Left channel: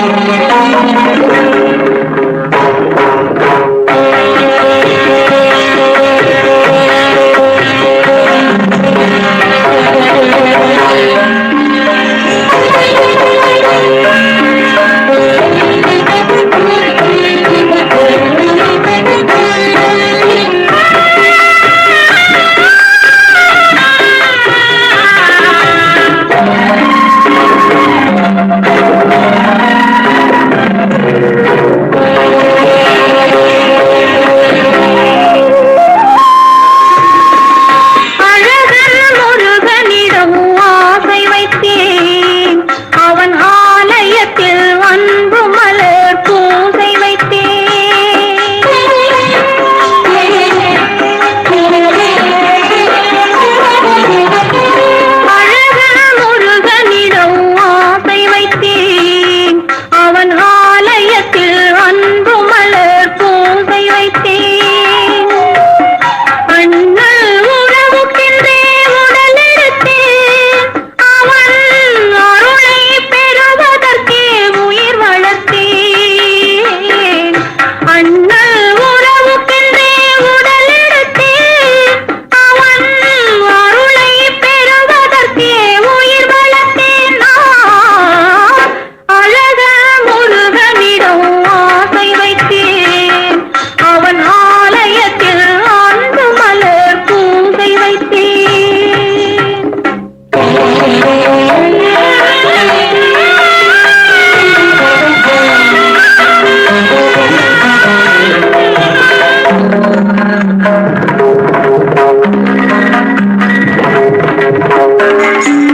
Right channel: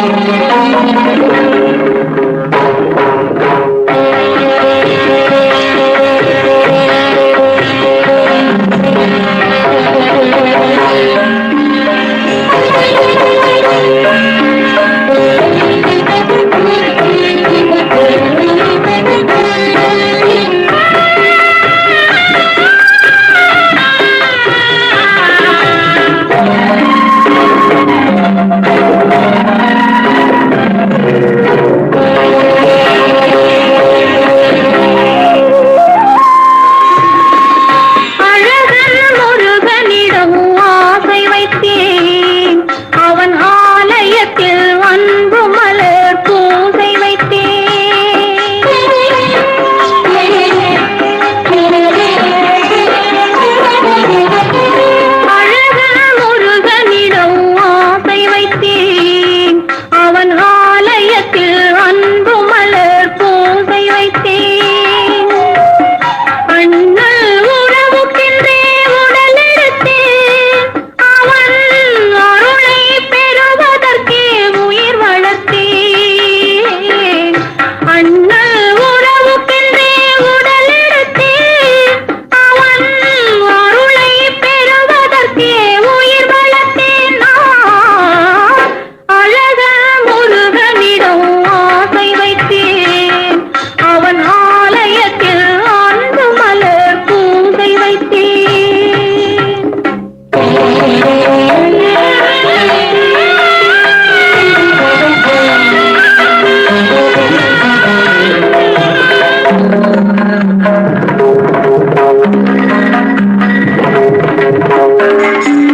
Thank you. ¡Gracias!